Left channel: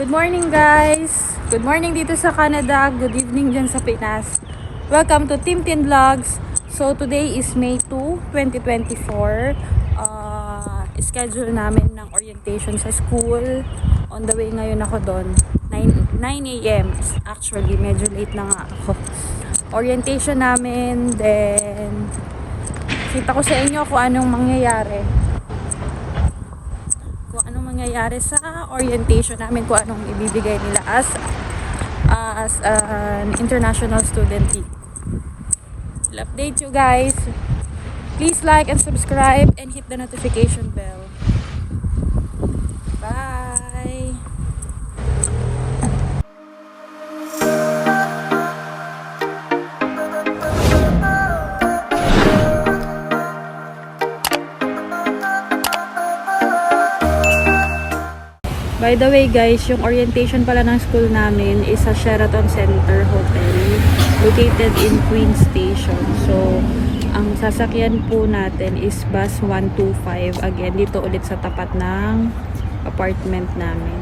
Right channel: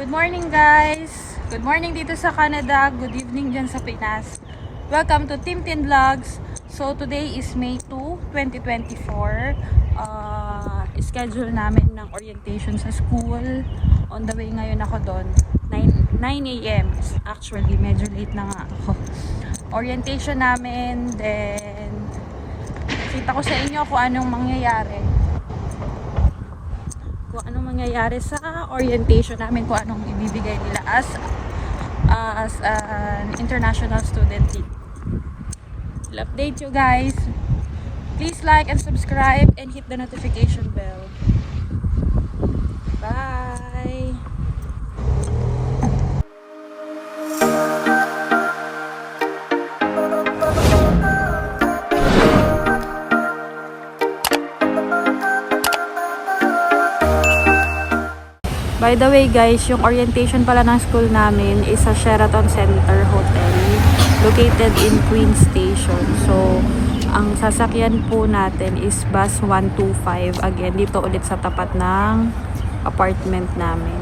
Good morning guys! Good morning dito sa Canada, good evening dyan sa Pinas. Welcome to Tim Tin Vlogs. So today is May 2, 2024. Schedule namin ng orientation sa school. On the way ngayon ako doon. 9 a.m. Actually, medyo late na nga ako. Orientation namin, then kita ko sa inyo kung anong mangyayari. Kung anong mangyayari sa orientation namin, kung anong ibibigay nila as an international student. I'll update you guys. Please like and subscribe and hit the notification bell. Bye! By the way guys, yung orientation pala ng school namin is sa Sheraton Center Hotel located in Queen Station. So, ang sasakyan po natin is bus 125. Again, dito ulit sa tapat ng apartment namin.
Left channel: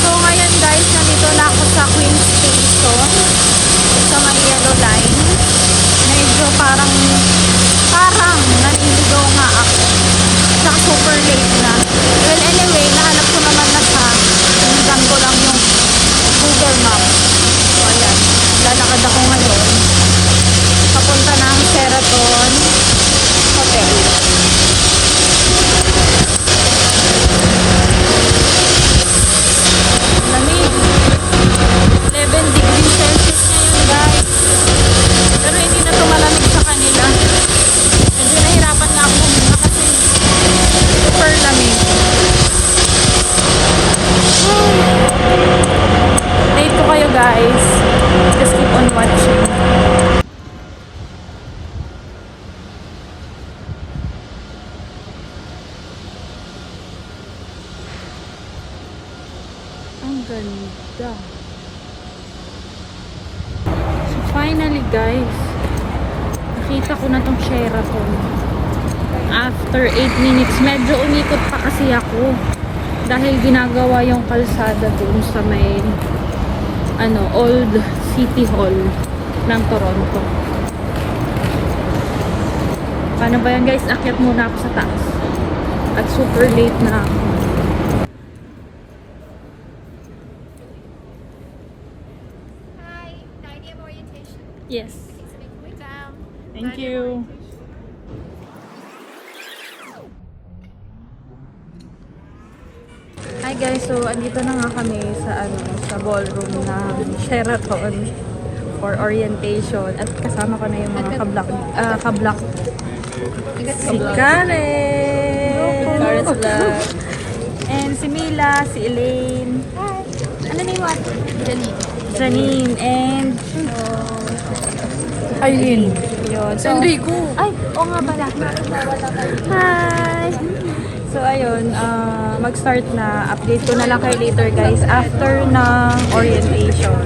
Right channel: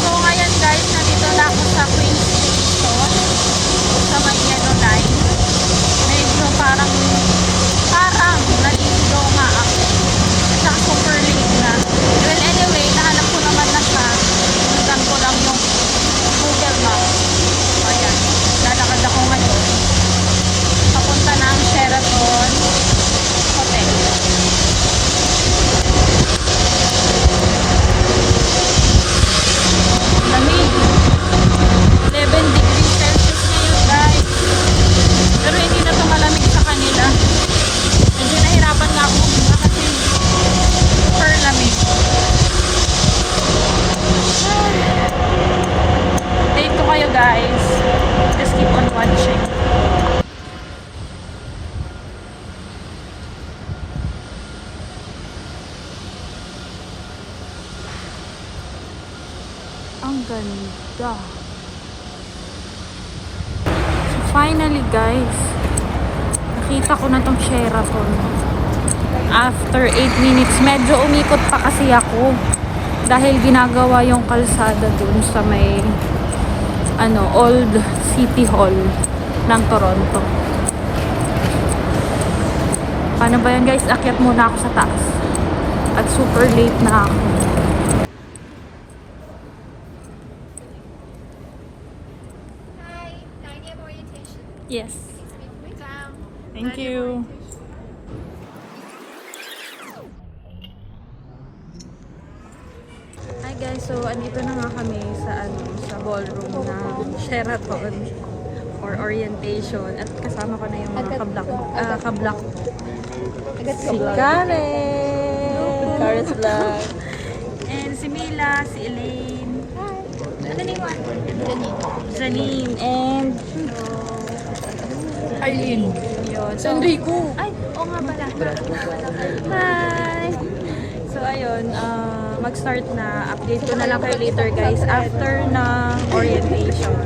So, ngayon guys, nandito na ako sa Queen Station sa may yellow line. Medyo parang naliligaw nga ako. At saka super late na. Well, anyway, nahanap ko naman na siya. Tinigan ko lang yung Google Map. So, ayan. Lalakad ako ngayon. Papunta ng Sheraton Hotel. Lamig. 11 degrees Celsius ngayon, guys. Pero hindi na ito malamig sa kanila. Medyo nahirapan nga ako huminga kasi super lamig. Update ko kayo guys. Just keep on watching. Ang ganda. Finally guys, nakita ko na tong Sheraton. After 8 minutes, medyo umikot pa kasi ako dahil ginagawa yung kalsada dun sa may Old City Hall ng Toronto. Ano ba yan guys, akyat muna ako sa taas at super late na ako. Yes. Thank you. Hi guys, so andito na nga kami sa ballroom ng Sheraton for orientation at kasama ko na yung mga ka-block si Karen and si Mila, si Elaine. Hi. Ano ni what? Janine and Aileen. Yun. So, ay, oo nga pala. Hi! So, ayun, mag-start na. Update ko na lang kayo later, guys, after ng orientation.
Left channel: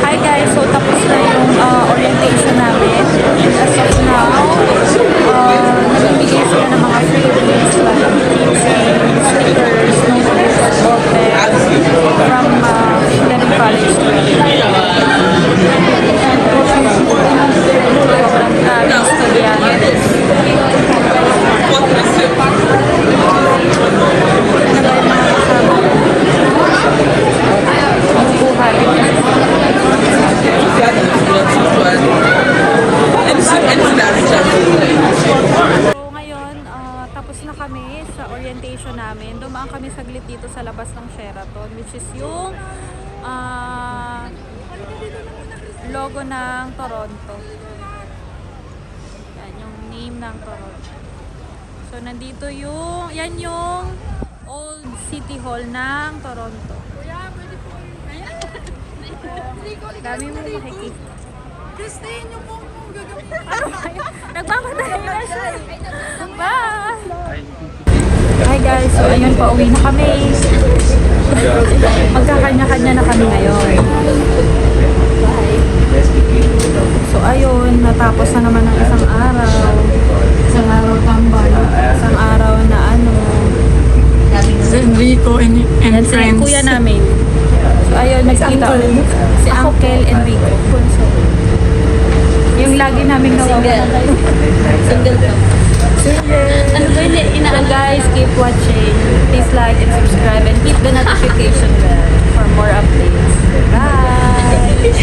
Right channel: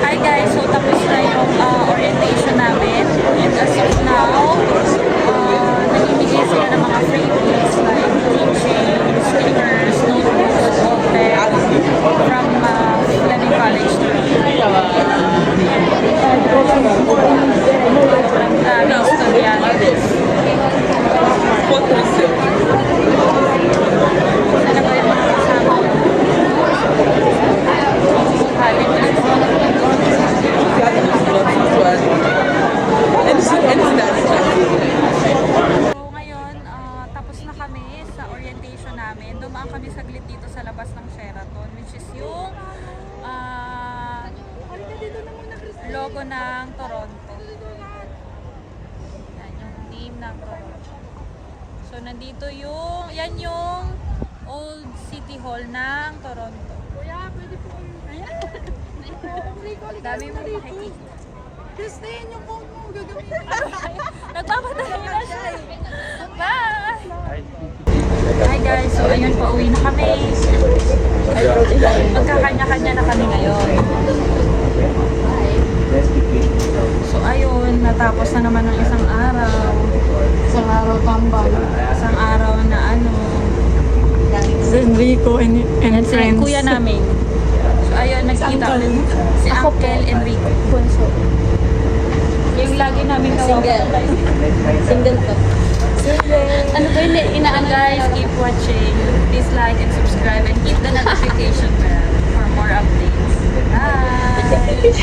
Hi, guys. So, tapos na yung orientation namin. And as of now, namimigay sila ng mga free things like keychains, stickers, notebooks, ballpens from Fleming College to orientation namin. Dumaan kami saglit dito sa labas ng Sheraton, which is yung logo ng Toronto. Yan yung name ng Toronto. So nandito yan yung Old City Hall ng Toronto. Dami mo makikita. Christine, yung phone mo gagamitin. Nagpapatay na siya. Bye! Hi guys, so ayun, pauwi na kami. Magkakanya-kanya na kami ngayon. Bye! So ayun, natapos na naman ng isang araw. Isang araw tambay. Isang araw na ano. Enrico and Yan si friends. kuya namin. So ayun, nagkita ulit. Si Uncle Enrico. Yung lagi namin single. Single to. So guys, keep watching. Please like and subscribe and keep the notification bell for more updates. Bye!